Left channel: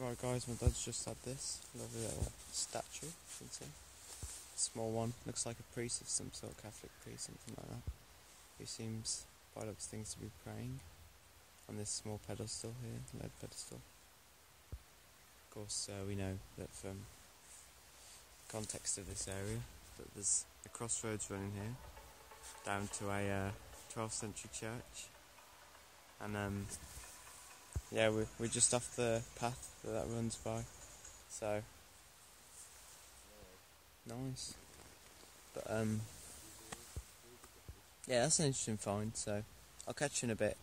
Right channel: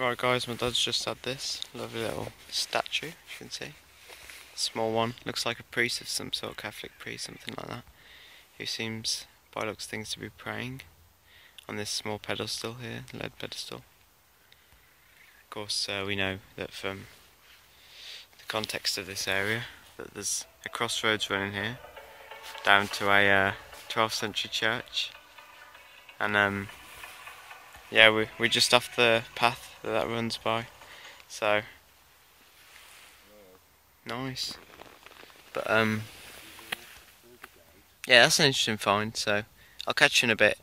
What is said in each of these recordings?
Right guys, my dad's just had this lovely little statue, you can see. Small one, looks like a priest of some sort, Catholic priest, something like that. Who seems, by looks of things, to be praying on this small pedestal here, lead pedestal. Of course, we know that from the context of this area, that there's a crossroads running here, down to a 12th century church. And yeah, we're just off the path that runs by, so nice. But yeah, that's an interesting find, so I'll catch you in a bit.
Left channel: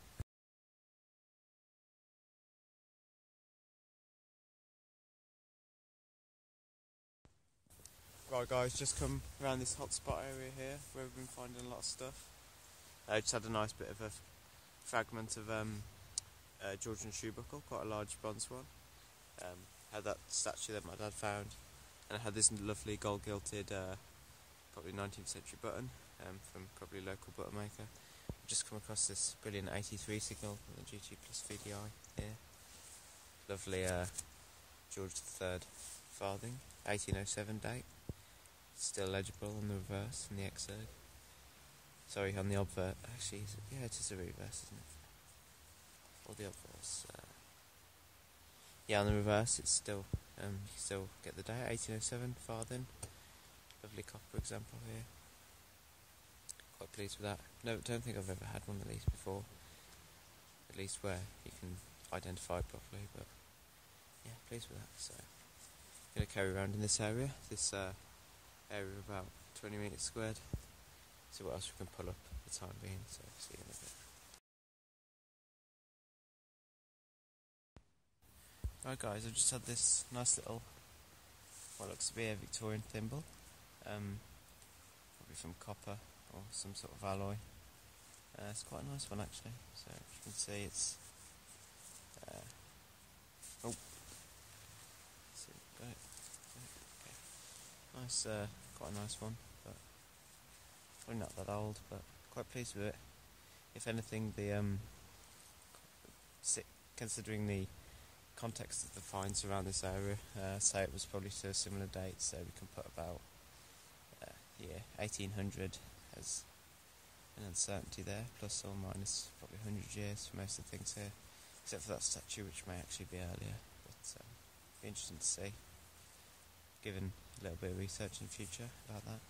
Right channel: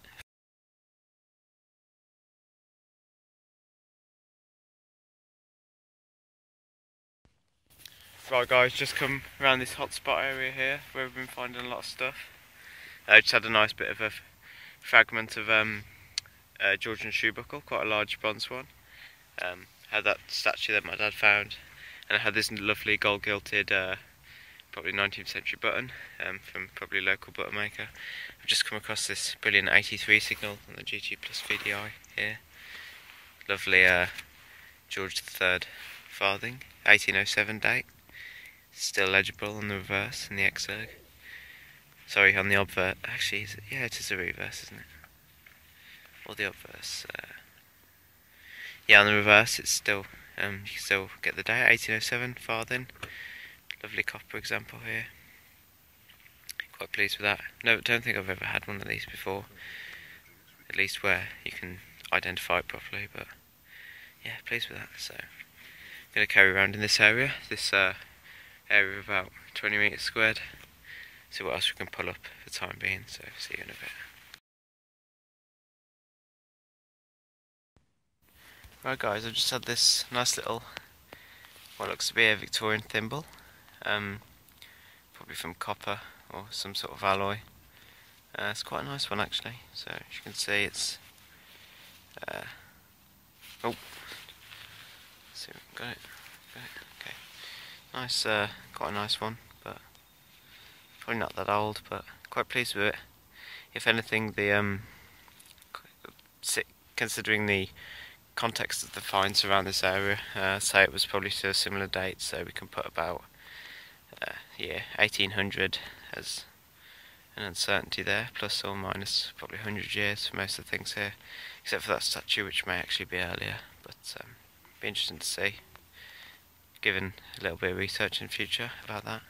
Right guys, just come around this hotspot area here where we've been finding a lot of stuff. I just had a nice bit of a fragment of Georgian shoe buckle, quite a large bronze one. Had that statue that my dad found, and I had this lovely gold gilded probably 19th century button from probably a local button maker. I've just come across this brilliant 83 signal on the GT Plus VDI here. Lovely George III farthing, 1807 date. Still legible on the reverse and the exerg. Sorry, on the obverse. Actually, yeah, it is a reverse, isn't it? Or the obverse. Yeah, on the reverse, it's still. You can still get the date, 1807 farthing. Lovely copper example here. Quite pleased with that. No, don't think I've ever had one of these before. At least where you can identify it properly. But yeah, pleased with that. So I'm going to carry around in this area. This area of about 20 metres squared. See what else we can pull up for the time being, so see you in a bit. Right guys, I've just had this nice little, what looks to be a Victorian thimble. Probably from copper or some sort of alloy. It's quite a nice one actually, so as you can see it's oh, see, got it, okay. Nice, quite a nice one, but probably not that old, but quite pleased with it. If anything, the considering the context of the finds around this area, say it was probably to a similar date, so we can put about yeah, 1800 as an uncertainty there, plus or minus probably 100 years for most of the things here, except for that statue, which may actually be earlier, but be interesting to see, given a little bit of research in the future about that.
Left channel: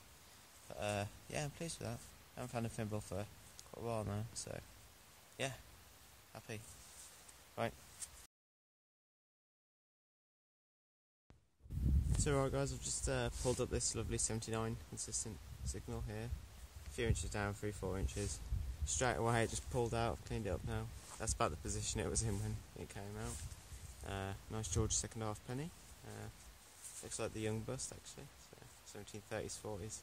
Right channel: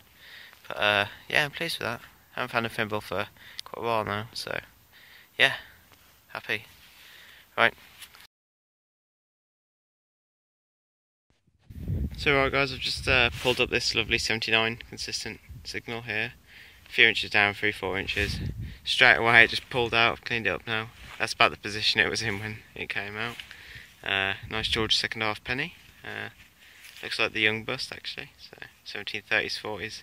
But yeah, I'm pleased with that. I haven't found a thimble for quite a while now, so yeah, happy. Right. So right guys, I've just pulled up this lovely 79 consistent signal here. A few inches down, 3-4 inches. Straight away it just pulled out, I've cleaned it up now. That's about the position it was in when it came out. Nice George second half penny. Looks like the young bust actually, so 1730s, 40s.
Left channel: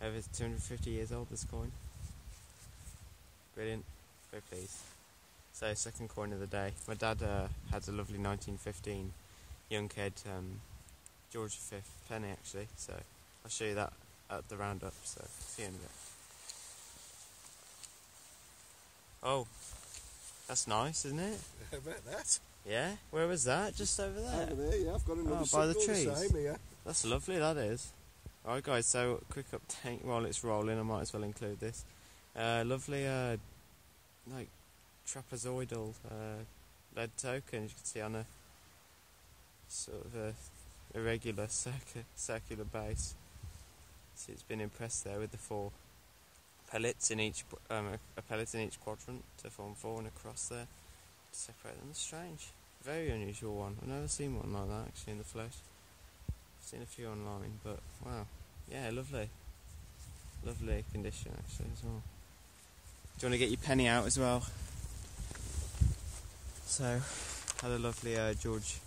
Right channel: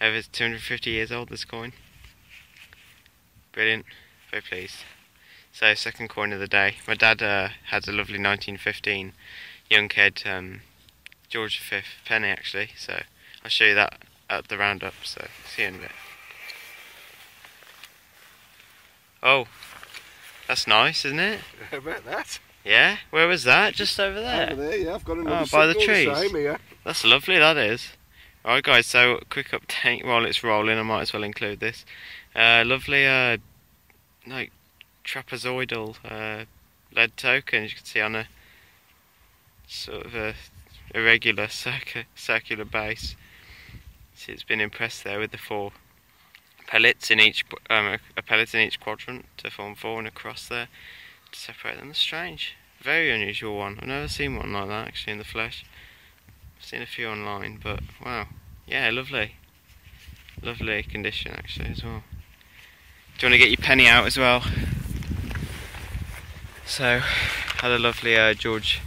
Over 250 years old, this coin. Brilliant, very pleased. So second coin of the day. My dad had a lovely 1915 young kid George V penny actually, so I'll show you that at the roundup, so see you in a bit. Oh, that's nice, isn't it? I bet that. Yeah, where was that? Just over there? Over there, yeah, I've got another by the trees. trees. Same here. That's lovely, that is. Alright guys, so quick update while it's rolling, I might as well include this. Lovely like trapezoidal lead token, as you can see, on a sort of a irregular circular base. See, it's been impressed there with the 4 pellets in each a pellet in each quadrant to form 4 and a cross there to separate them. That's strange, very unusual one. I've never seen one like that actually in the flesh. I've seen a few online, but wow, yeah, lovely condition actually as well. Do you want to get your penny out as well? So had a lovely George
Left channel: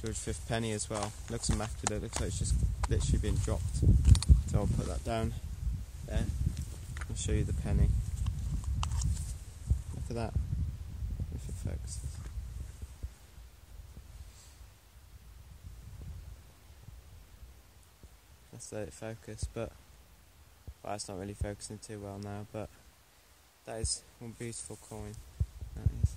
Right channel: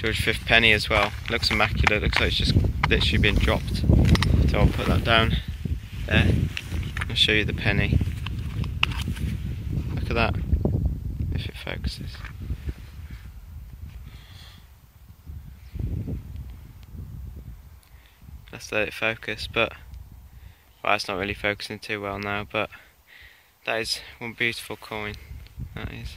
V penny as well. Looks immaculate, looks like it's just literally been dropped. So I'll put that down there. I'll show you the penny. Look at that, if it focuses. Let's let it focus, but well, it's not really focusing too well now, but that is one beautiful coin. That is.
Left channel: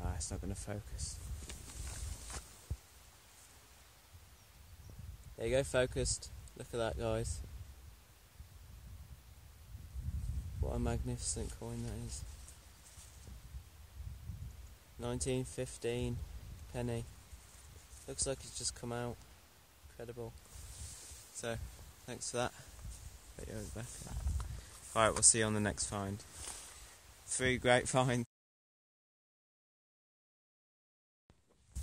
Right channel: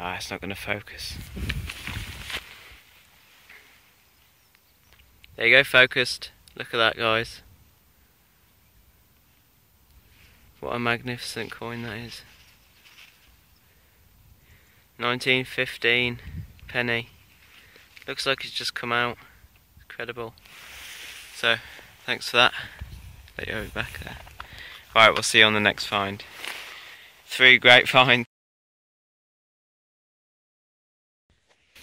Ah, it's not going to focus. There you go, focused. Look at that, guys. What a magnificent coin that is. 1915 penny. Looks like it's just come out. Incredible. So, thanks for that. Let you over back there. Right, we'll see you on the next find. 3 great finds.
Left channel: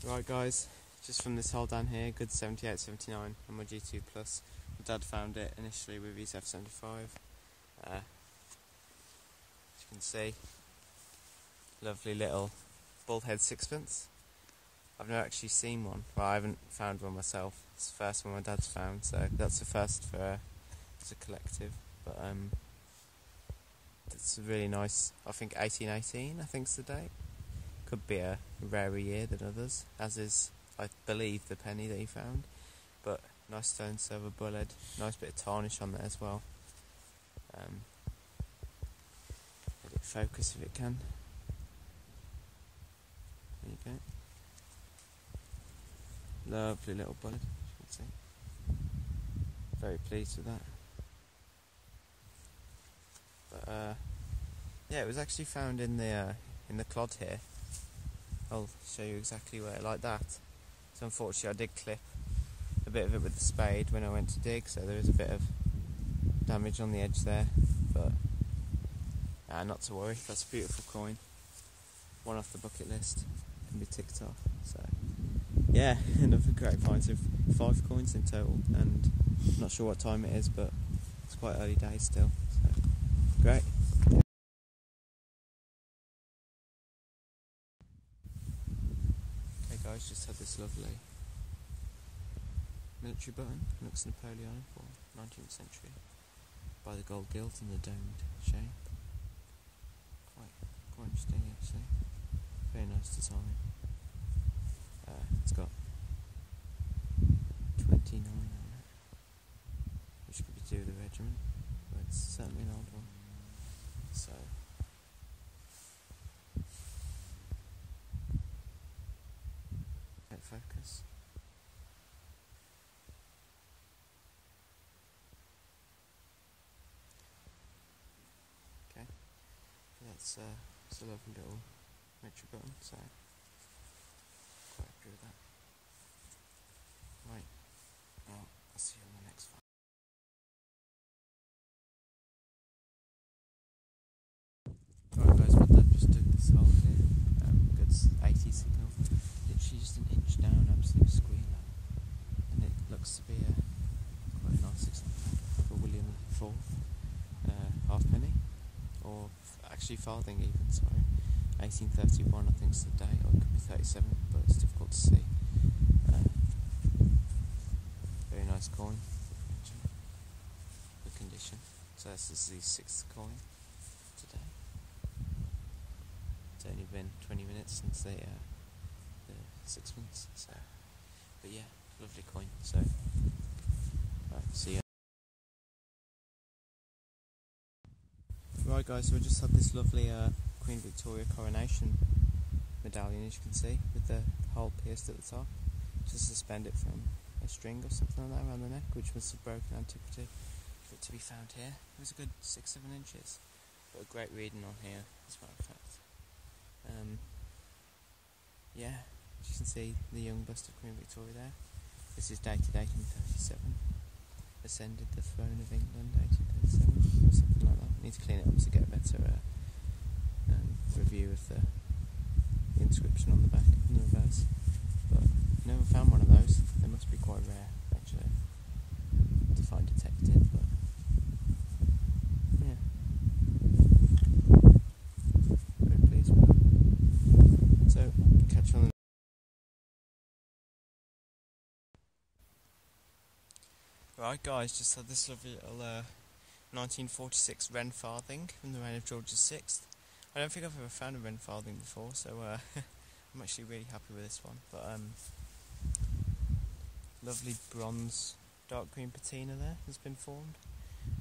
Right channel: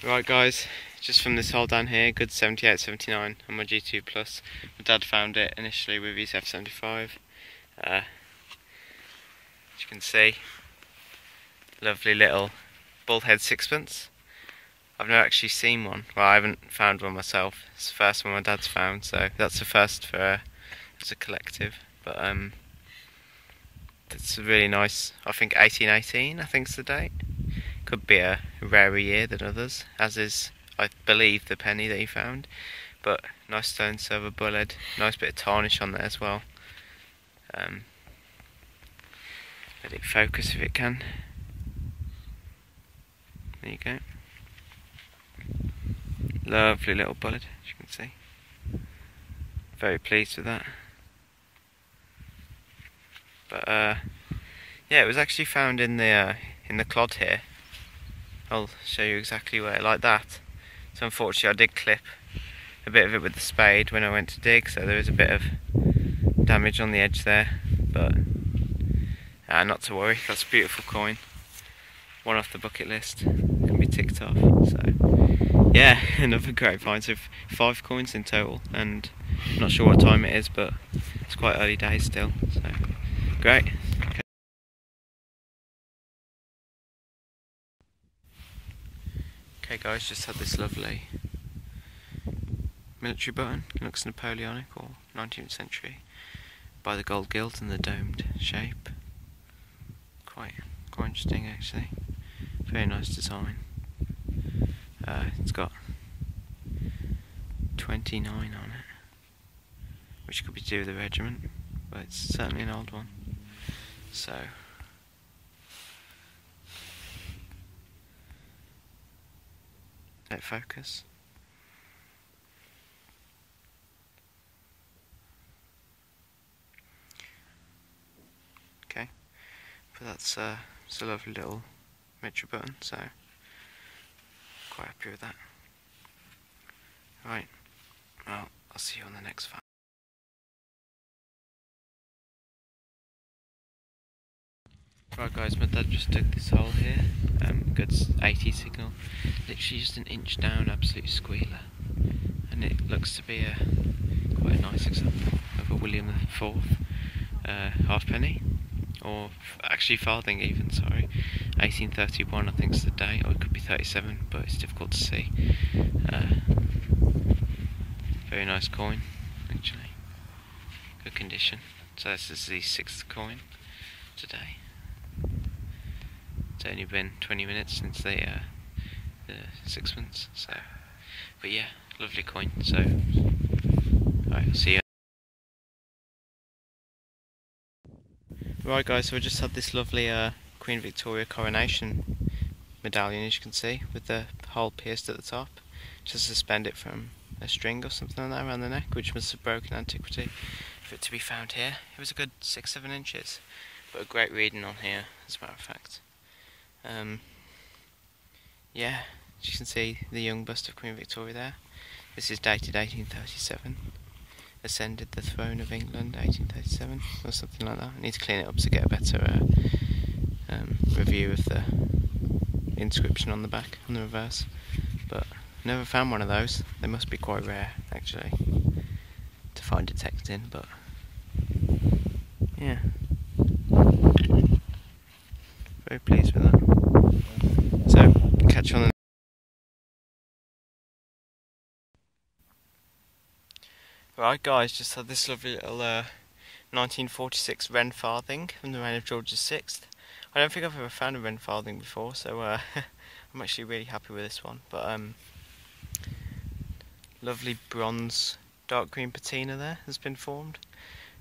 Right guys, just from this hole down here, good 78-79 on my G2 Plus. My dad found it initially with his F75. As you can see, lovely little bullhead sixpence. I've never actually seen one. Well, I haven't found one myself. It's the first one my dad's found, so that's the first for as a collective. But it's really nice. I think 1818, I think is the date. Could be a rarer year than others, as is, I believe, the penny that he found. But nice stone silver bullhead, nice bit of tarnish on there as well. Let it focus if it can. There you go. Lovely little bullhead, as you can see. Very pleased with that. But yeah, it was actually found in the clod here. I'll show you exactly where, like that. So unfortunately I did clip a bit of it with the spade when I went to dig, so there is a bit of damage on the edge there, but not to worry, that's a beautiful coin. One off the bucket list, can be ticked off. So yeah, another great find. So 5 coins in total, and I'm not sure what time it is, but it's quite early days still, so great. Okay guys, just had this lovely military button. It looks Napoleonic or 19th century by the gold gilt and the domed shape. Quite interesting actually. Very nice design. It's got 29 on it, which could be to do with the regiment, but it's certainly an old one. So let focus. Okay, but that's it's a lovely little miniature button, so quite happy with that. Right, well, I'll see you on the next find. Right guys, my dad just dug this hole here, good 80 signal, literally just an inch down, absolute squealer, and it looks to be quite a nice example of a William IV halfpenny, or actually farthing even, sorry, 1831 I think is the date, or it could be 37, but it's difficult to see. Very nice coin, actually, good condition. So this is the 6th coin today. It's only been 20 minutes since the sixpence, so, but yeah, lovely coin. So, alright, see you. Right guys, so I just had this lovely Queen Victoria coronation medallion, as you can see, with the hole pierced at the top. Just suspend it from a string or something like that around the neck, which must have broken antiquity for it to be found here. It was a good 6-7 inches, but a great reading on here, as a matter of fact. Yeah, as you can see, the young bust of Queen Victoria there. This is dated 1837. Ascended the throne of England 1837, or something like that. I need to clean it up to get a better review of the inscription on the back, on the reverse. But never found one of those. They must be quite rare, actually, to find a text in, but yeah. Very pleased with that. So, catch you on the Right guys, just had this lovely little 1946 Wren farthing from the reign of George VI. I don't think I've ever found a Wren farthing before, so I'm actually really happy with this one. But lovely bronze dark green patina there has been formed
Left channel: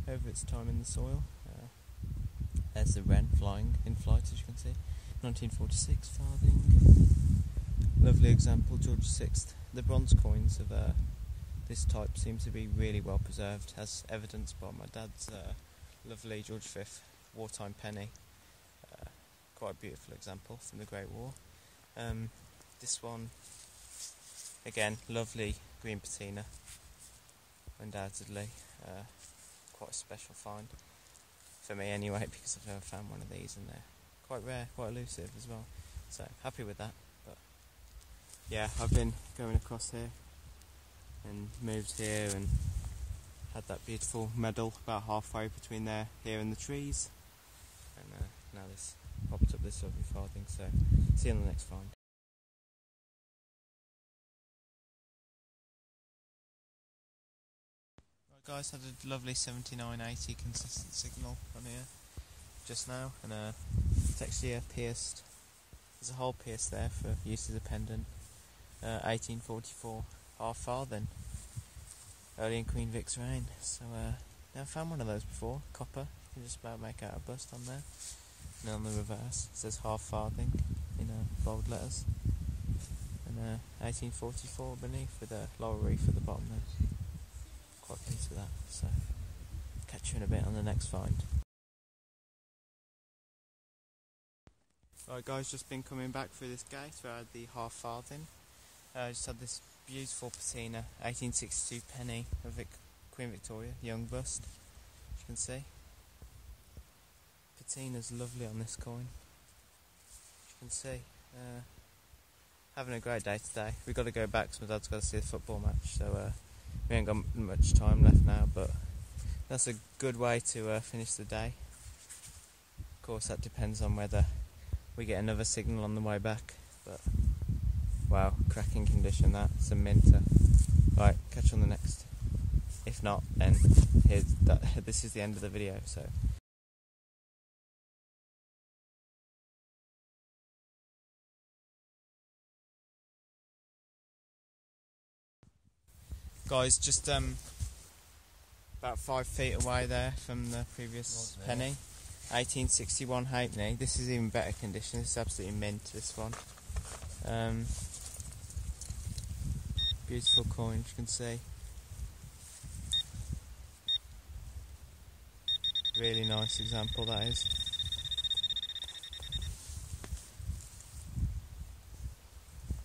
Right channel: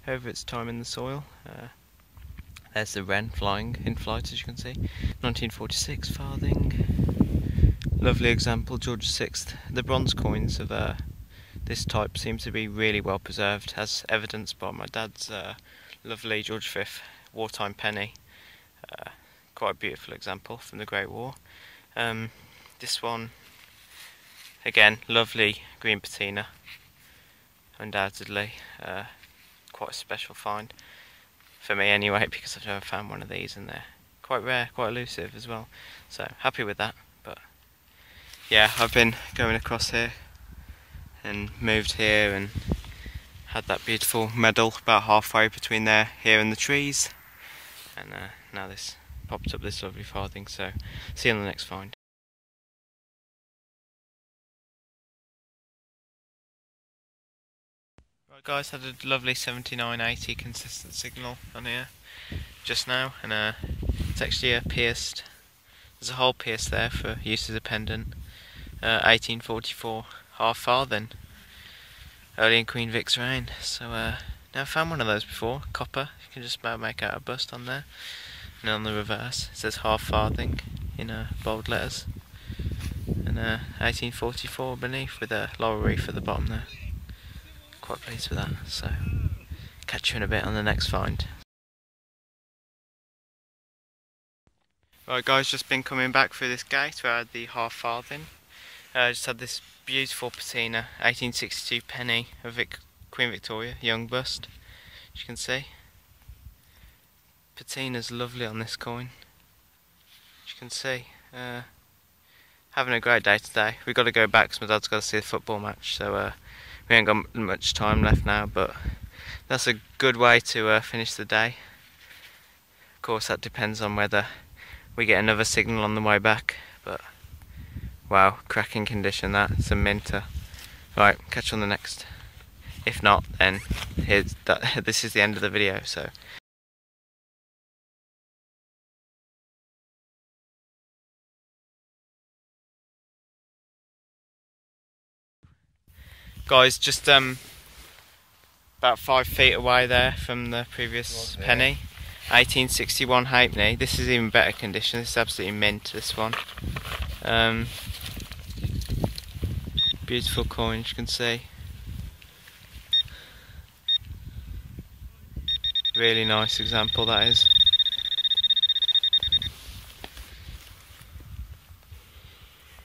over its time in the soil. There's the wren flying in flight, as you can see. 1946 farthing. Lovely example, George VI. The bronze coins of this type seem to be really well preserved, as evidenced by my dad's lovely George V wartime penny. Quite a beautiful example from the Great War. This one, again, lovely green patina, undoubtedly. Quite a special find, for me anyway, because I've never found one of these, and they're quite rare, quite elusive as well. So, happy with that. But yeah, I've been going across here and moved here and had that beautiful medal about halfway between here and the trees, and now this popped up this lovely farthing. So see you on the next find. Right guys, had a lovely 7980 consistent signal on here just now, and it's actually pierced. There's a hole pierced there for use as a pendant. 1844 half farthing, early in Queen Vic's reign. So never found one of those before. Copper, you can just about make out a bust on there. And on the reverse it says half farthing in bold letters, and 1844 beneath with a laurel wreath at the bottom there. Quite pleased with that. So catch you in a bit on the next find. Right guys, just been coming back through this gate where I had the half farthing. Just had this beautiful patina, 1862 penny of Queen Victoria, young bust, as you can see. Patina's lovely on this coin, as you can see. Having a great day today. We've got to go back because my dad's got to see the football match, so we ain't got much time left now, but that's a good way to finish the day. Of course that depends on whether we get another signal on the way back, but wow, cracking condition that. It's a minter. Right, catch you on the next. If not, then this is the end of the video. So guys, just about 5 feet away there from the previous penny, 1861 halfpenny. This is even better condition. This is absolutely mint, this one. Beautiful coin, as you can see. Really nice example that is.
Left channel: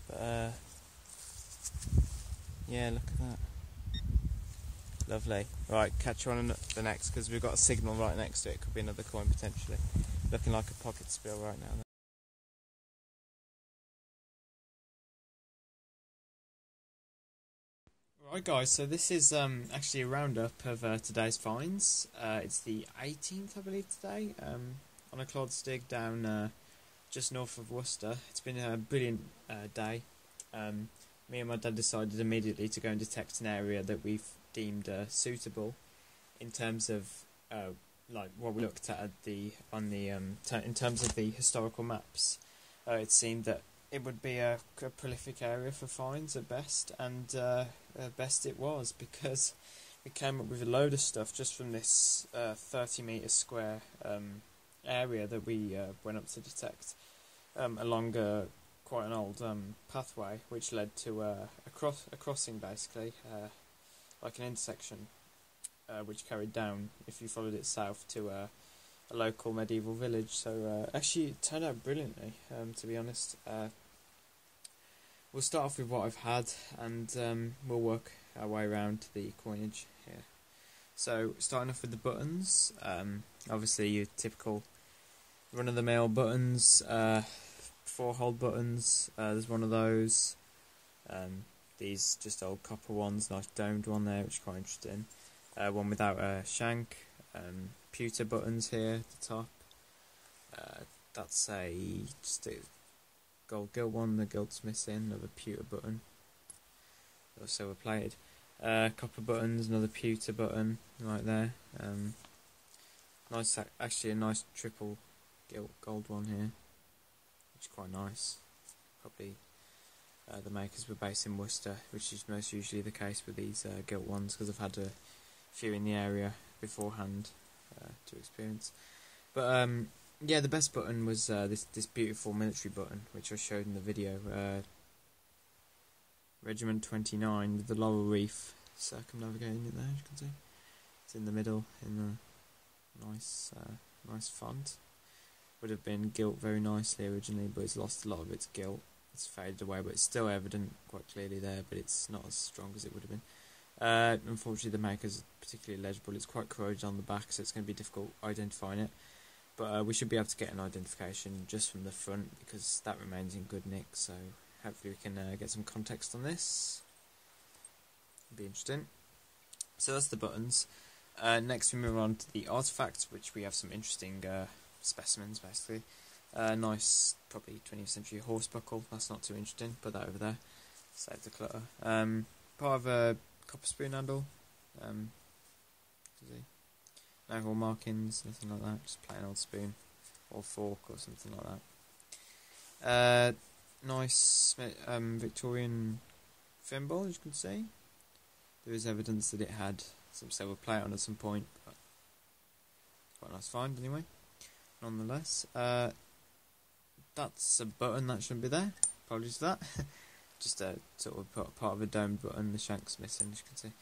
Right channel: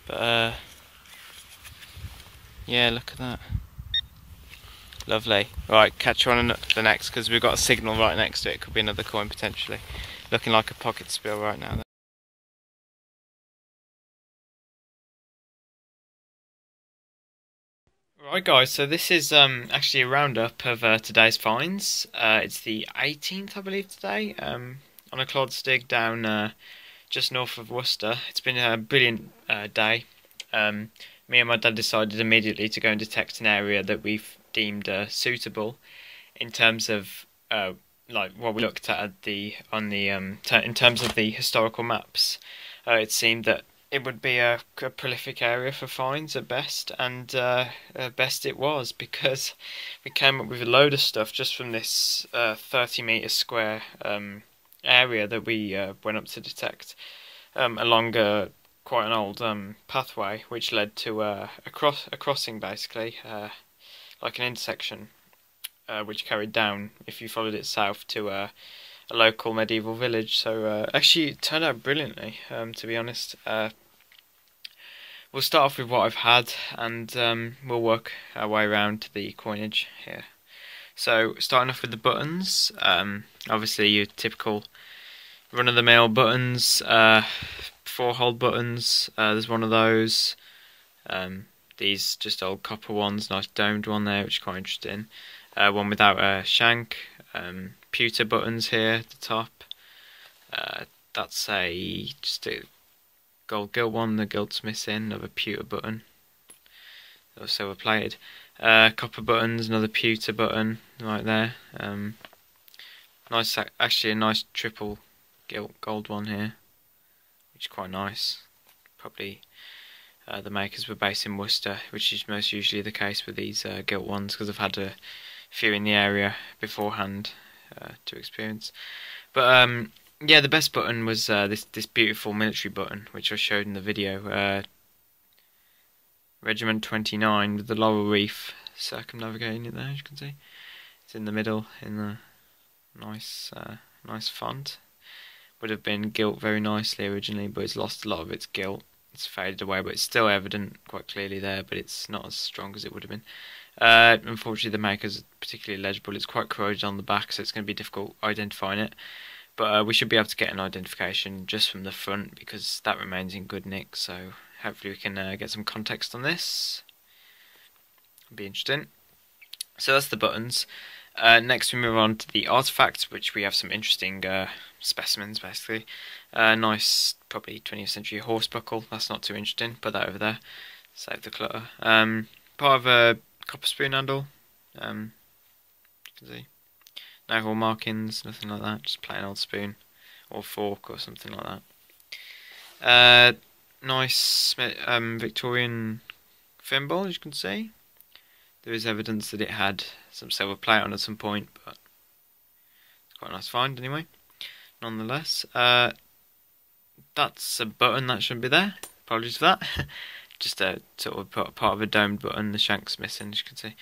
But yeah, look at that. Lovely. Right, catch you on the next, because we've got a signal right next to it. Could be another coin potentially. Looking like a pocket spill right now. Right guys, so this is actually a roundup of today's finds. It's the 18th, I believe, today, on a Clodstig down just north of Worcester. It's been a brilliant day. Me and my dad decided immediately to go and detect an area that we've deemed suitable in terms of like what we looked at in terms of the historical maps. It seemed that it would be a prolific area for finds at best, and best it was, because we came up with a load of stuff just from this 30-metre square area that we went up to detect along quite an old pathway, which led to a crossing, basically, like an intersection, which carried down, if you followed it south, to a local medieval village. So actually it turned out brilliantly, to be honest. We'll start off with what I've had, and we'll work our way around to the coinage here. So starting off with the buttons, obviously your typical run-of-the-mill buttons, 4-hole buttons. There's one of those. These just old copper ones, nice domed one there, which is quite interesting. One without a shank. Pewter buttons here at the top. That's just a gold gilt one, the gilt's missing, another pewter button. They were silver plated. Copper buttons, another pewter button right there. Nice, actually a nice triple gilt gold one here, which is quite nice. Probably the makers were based in Worcester, which is most usually the case with these gilt ones, because I've had a few in the area beforehand to experience. But yeah, the best button was this beautiful military button, which I showed in the video. Regiment 29 with the laurel wreath circumnavigating it there, as you can see. It's in the middle in the nice font. Would have been gilt very nicely originally, but it's lost a lot of its gilt. It's faded away, but it's still evident quite clearly there, but it's not as strong as it would have been. Unfortunately, the maker's particularly legible. It's quite corroded on the back, so it's going to be difficult identifying it. But we should be able to get an identification just from the front, because that remains in good nick, so hopefully we can get some context on this. It'll be interesting. So that's the buttons. Next we move on to the artifacts, which we have some interesting specimens basically. Nice, probably 20th century horse buckle. That's not too interesting. Put that over there. Save the clutter. Part of a copper spoon handle. You can see. No hall markings, nothing like that. Just plain old spoon or fork or something like that. Nice Victorian thimble, as you can see. There is evidence that it had some silver plate on at some point, but it's quite a nice find anyway. Nonetheless, that's a button that shouldn't be there. Apologies for that. Just a sort of part of a domed button. The shank's missing, as you can see.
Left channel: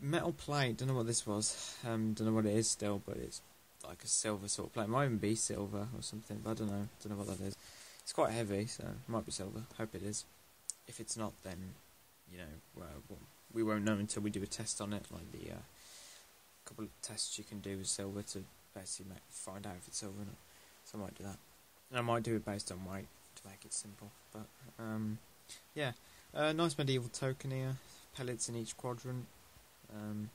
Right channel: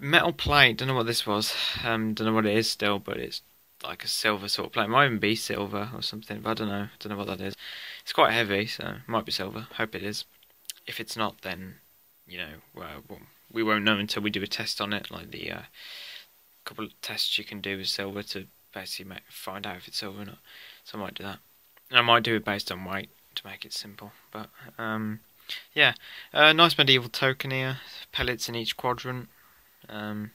Metal plate. Don't know what this was. Don't know what it is still, but it's like a silver sort of plate. It might even be silver or something, but I don't know. Don't know what that is. It's quite heavy, so it might be silver. Hope it is. If it's not, then you know, we won't know until we do a test on it, like the couple of tests you can do with silver to basically find out if it's silver or not. So I might do that. And I might do it based on weight to make it simple. But yeah, nice medieval token here. Pellets in each quadrant. There's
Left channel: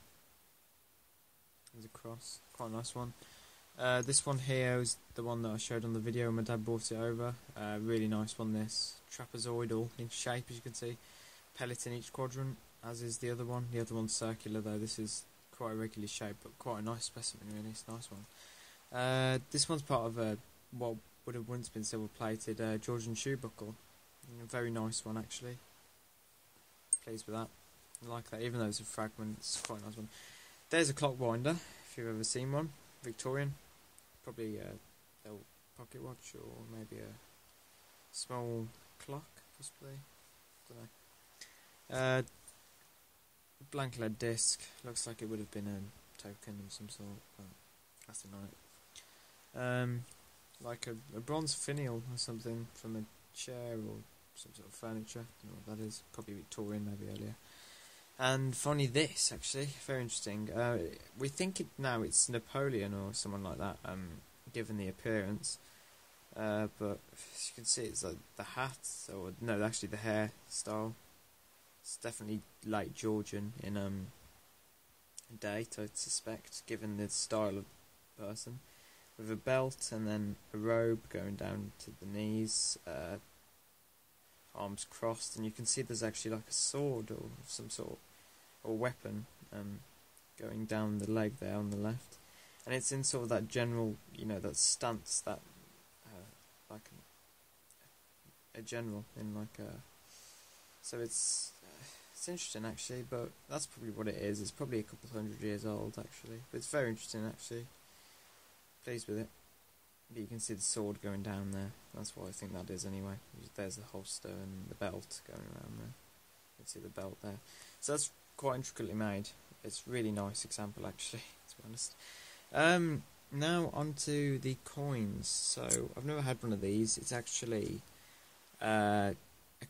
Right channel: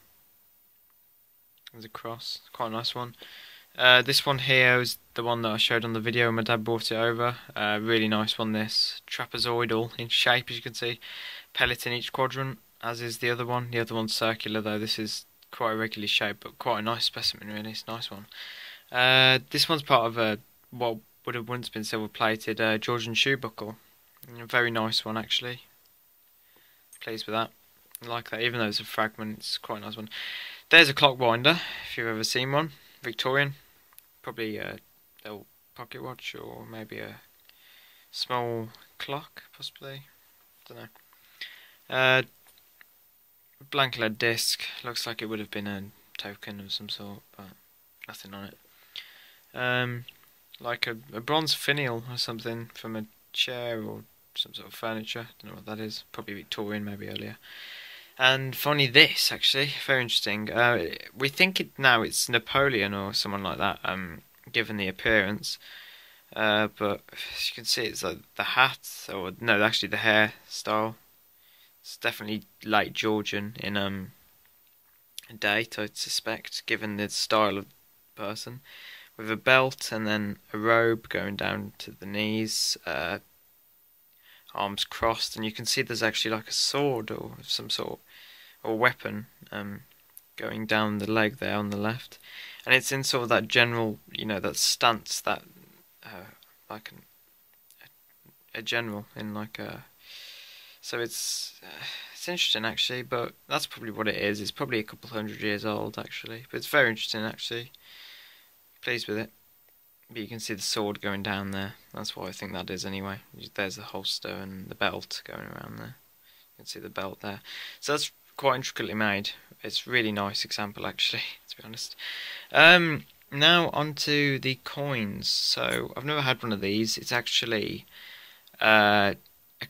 a cross. Quite a nice one. This one here is the one that I showed on the video. My dad brought it over. Really nice one. This trapezoidal in shape, as you can see. Pellet in each quadrant, as is the other one. The other one's circular though. This is quite irregularly shaped, but quite a nice specimen really. It's a nice one. This one's part of a what would have once been silver plated Georgian shoe buckle. A very nice one actually. Pleased with that. I like that, even though it's a fragment. It's quite a nice one. There's a clock winder, if you've ever seen one. Victorian, probably a little pocket watch or maybe a small clock, possibly. Don't know. Blank lead disc. Looks like it would have been a token of some sort, but nothing on it. Like a bronze finial or something from a chair or some sort of furniture. Don't know what that is. Probably Victorian, maybe earlier. And finally, this actually very interesting. We think it's Napoleon or someone like that. Given the appearance, but as you can see, it's like the hat, or no, actually the hairstyle. It's definitely late Georgian in date, I'd suspect, given the style of the person. With a belt and then a robe going down to the knees, arms crossed, and you can see there's actually like a sword or some sort or weapon going down the leg there on the left, and it's in sort of that general, that stance, that like a general in like a. So it's interesting actually, but that's probably what it is. It's probably a couple 100 years old actually, but it's very interesting actually. Pleased with it. But you can see the sword going down there. That's what I think that is anyway. There's the holster and the belt going around there. You can see the belt there. So that's quite intricately made. It's a really nice example actually, to be honest. Now onto the coins. So I've never had one of these. It's actually a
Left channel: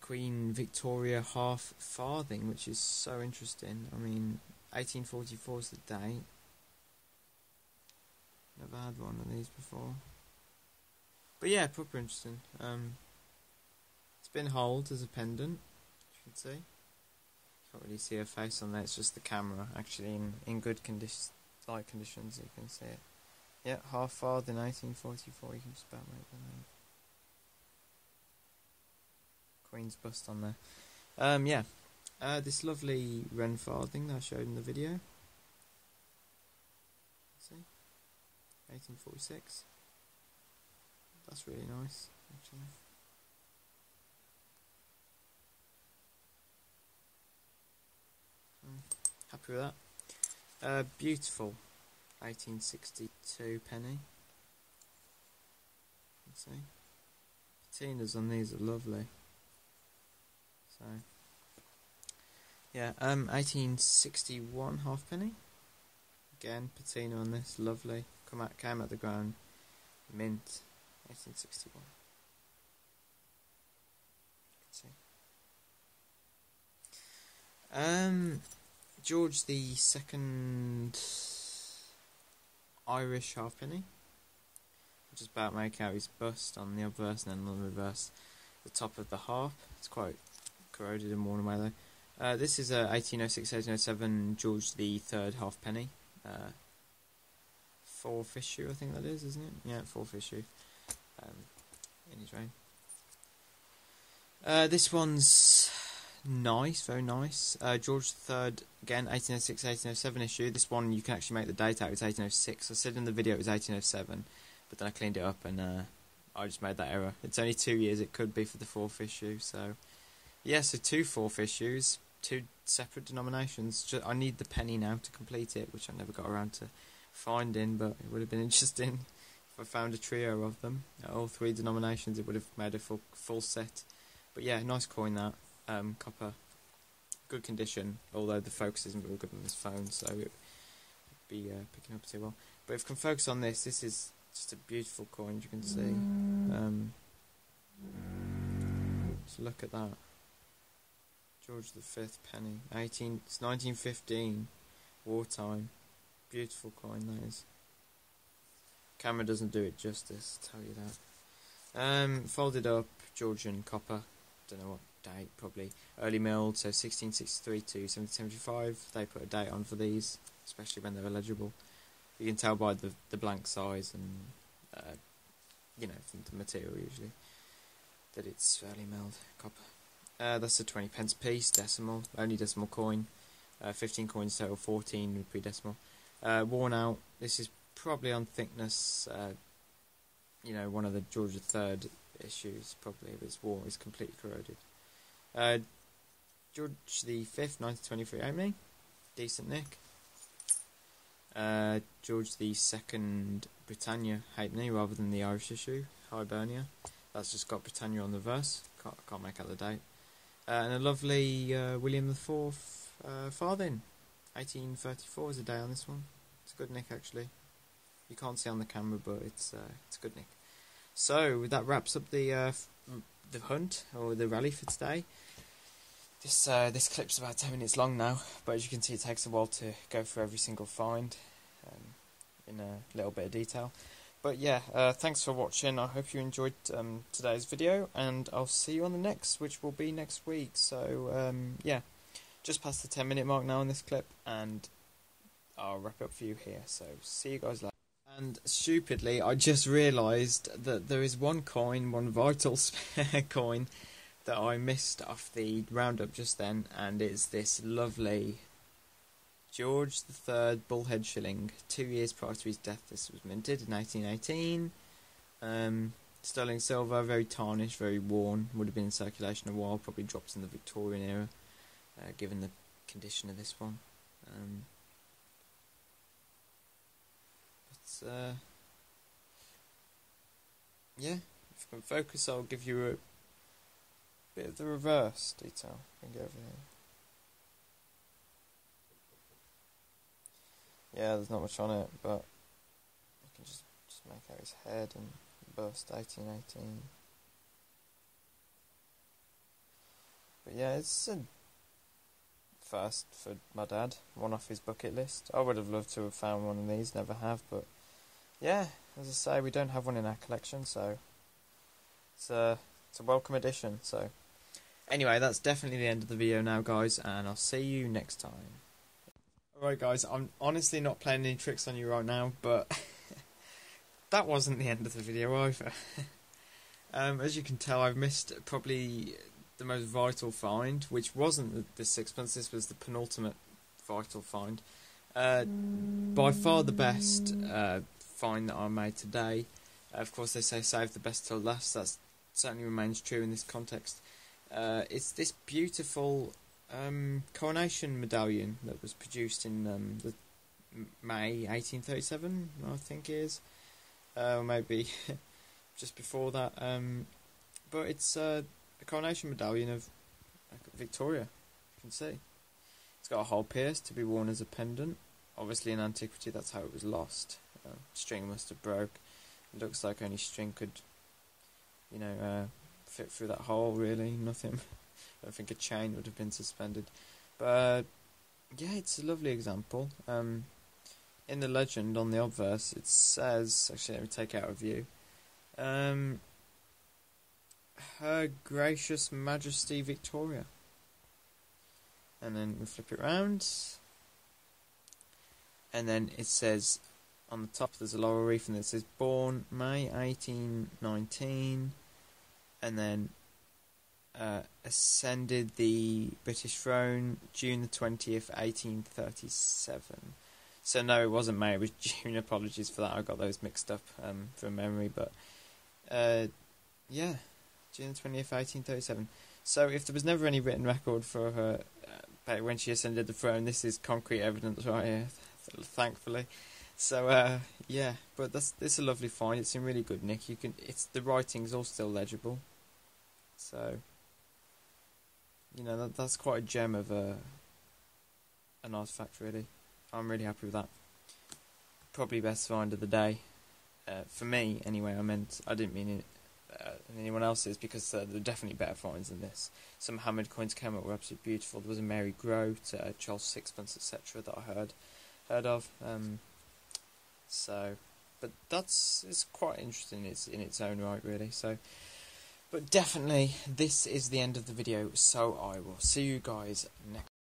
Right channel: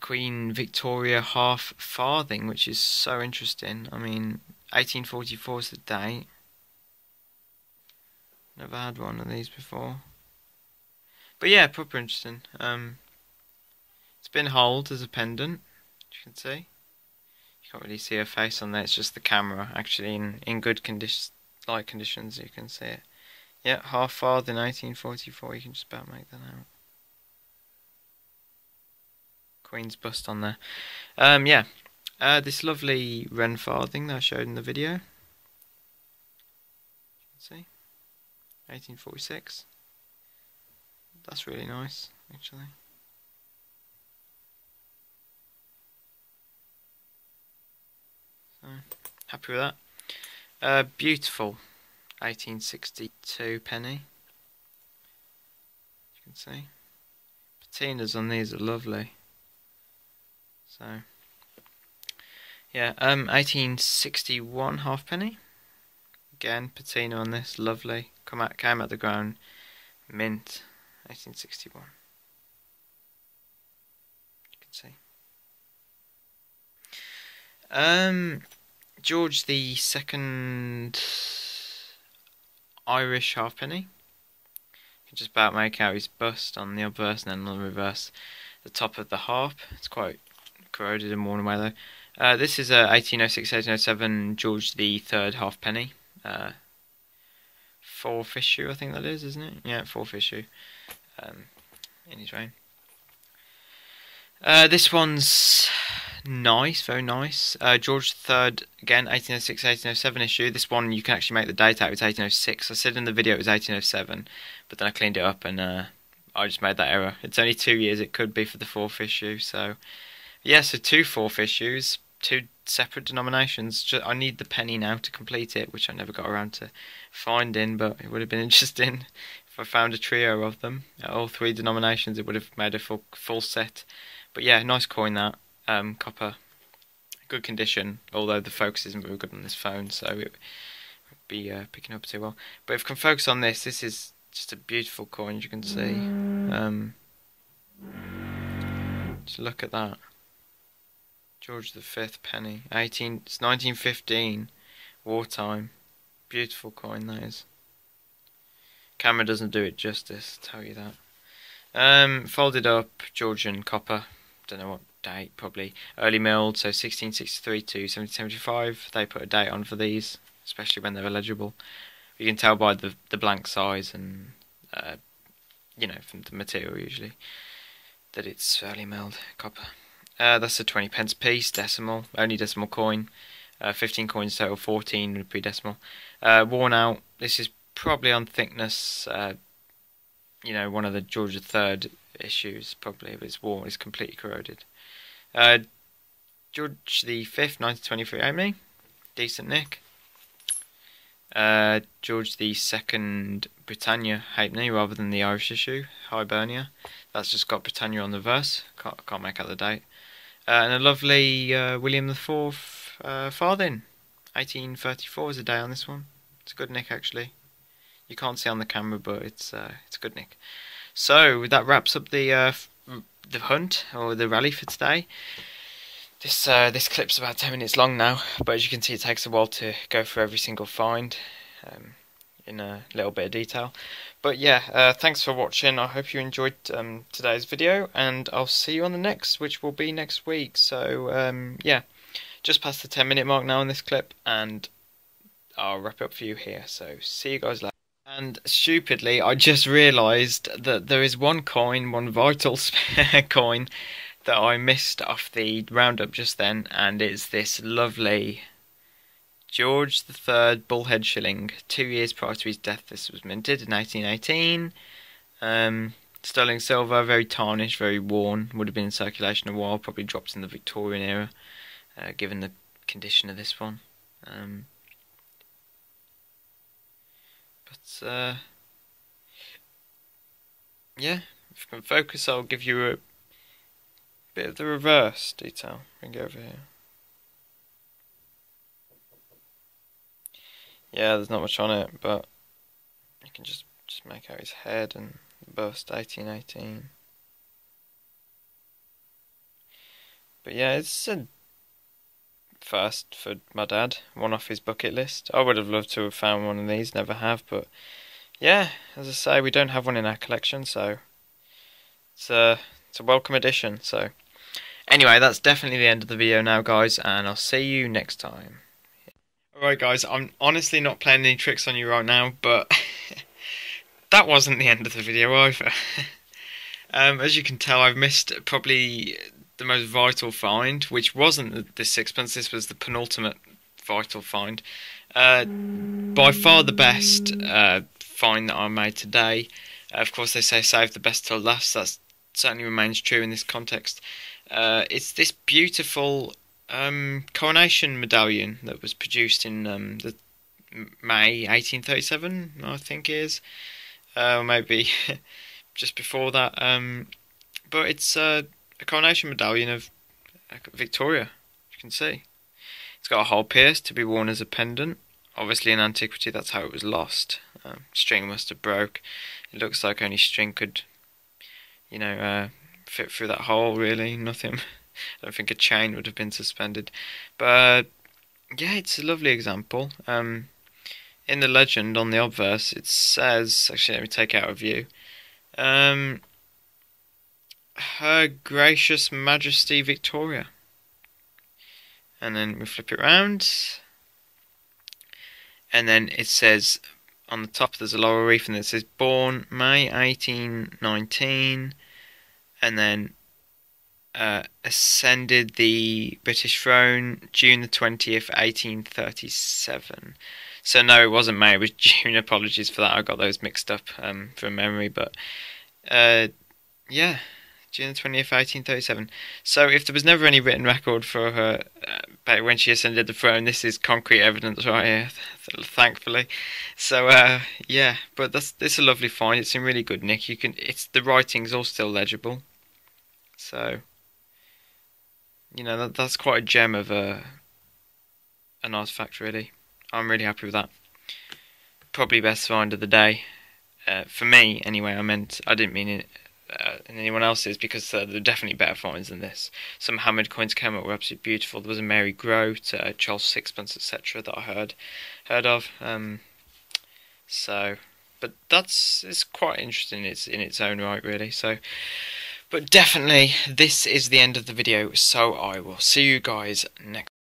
Queen Victoria half farthing, which is so interesting. I mean, 1844 is the date. Never had one of these before. But yeah, proper interesting. It's been holed as a pendant, as you can see. You can't really see her face on there, it's just the camera, actually, in good light conditions, you can see it. Yeah, half farthing 1844, you can just about make that out. Queen's bust on there. Yeah, this lovely Wren farthing that I showed in the video. See? 1846. That's really nice, actually. So, happy with that. Beautiful 1862 penny. You can see. Patinas on these are lovely. So, yeah, 1861 halfpenny. Again, patina on this, lovely. Came out the ground, mint, 1861. You can see. George the Second Irish halfpenny. You can just about make out his bust on the obverse and then on the reverse. The top of the harp. It's quite corroded and worn away though. This is a 1806-1807 George the Third halfpenny. 4th issue, I think that is, isn't it? Yeah, 4th issue. In his reign. This one's nice, very nice. George III, again, 1806-1807 issue. This one you can actually make the date out. It's 1806. I said in the video it was 1807, but then I cleaned it up and I just made that error. It's only 2 years. It could be for the 4th issue. So, yeah, so 2 4th issues, 2 separate denominations. I need the penny now to complete it, which I never got around to finding, but it would have been interesting if I found a trio of them. All 3 denominations, it would have made a full set. But yeah, nice coin that. Copper, good condition, although the focus isn't very good on this phone, so it would be picking up too well. But if I can focus on this, this is just a beautiful coin, as you can see. Just look at that. George V penny, it's 1915, wartime. Beautiful coin that is. Camera doesn't do it justice, tell you that. Folded up, Georgian copper. Don't know what date, probably early milled, so 1663 to 1775. They put a date on for these, especially when they're illegible. You can tell by the blank size and you know, from the material usually, that it's early milled copper. That's a 20 pence piece, decimal, only decimal coin. 15 coins total, 14 would be decimal. Worn out. This is probably on thickness. You know, one of the George III issues, probably, but it's worn, it's completely corroded. George V, 1923 only, decent nick. George II Britannia halfpenny rather than the Irish issue, Hibernia. That's just got Britannia on the verse, can't make out the date. And a lovely William IV farthing, 1834 is a day on this one. It's a good nick actually. You can't see on the camera, but it's a good nick. So that wraps up the hunt or the rally for today. This clip's about 10 minutes long now, but as you can see, it takes a while to go through every single find in a little bit of detail. But yeah, thanks for watching. I hope you enjoyed today's video, and I'll see you on the next, which will be next week. So yeah, just past the 10-minute mark now on this clip, and I'll wrap it up for you here. So see you guys later. And stupidly, I just realised that there is one vital spare coin that I missed off the roundup just then, and it's this lovely George III bullhead shilling. 2 years prior to his death, this was minted in 1818. Sterling silver, very tarnished, very worn. Would have been in circulation a while, probably dropped in the Victorian era, given the condition of this one. Yeah, if I can focus, I'll give you a bit of the reverse detail. We can go over here. Yeah, there's not much on it, but you can just make out his head and bust, 1818. But yeah, it's a first for my dad, one off his bucket list. I would have loved to have found one of these, never have, but yeah, as I say, we don't have one in our collection, so it's a welcome addition. So anyway, that's definitely the end of the video now, guys, and I'll see you next time. Alright guys, I'm honestly not playing any tricks on you right now, but that wasn't the end of the video either. As you can tell, I've missed probably the most vital find, which wasn't the sixpence. This was the penultimate vital find. By far the best find that I made today. Of course, they say save the best till last. That certainly remains true in this context. It's this beautiful coronation medallion that was produced in the May 1837, I think it is, maybe just before that. But it's a coronation medallion of Victoria. You can see it's got a hole pierced to be worn as a pendant. Obviously, in antiquity, that's how it was lost. String must have broke. It looks like only string could, fit through that hole. Really, nothing. I don't think a chain would have been suspended. But yeah, it's a lovely example. In the legend on the obverse, it says, actually, let me take out a view. Her Gracious Majesty Victoria. And then we flip it round. And then it says, on the top there's a laurel wreath, and it says, born May 1819. And then ascended the British throne June the 20th, 1837. So no, it wasn't May, it was June. Apologies for that, I got those mixed up from memory. But yeah, June the 20th, 1837. So if there was never any written record for her back when she ascended the throne, this is concrete evidence right here, thankfully. So yeah, but it's a lovely find. It's in really good nick. The writing's all still legible. So that's quite a gem of an artifact, really. I'm really happy with that. Probably best find of the day. For me, anyway. I didn't mean it in anyone else's, because there are definitely better finds than this. Some hammered coins came up were absolutely beautiful. There was a Mary Grote, Charles Sixpence, etc. that I heard of. But it's quite interesting. It's in its own right, really. But definitely, this is the end of the video. So I will see you guys next.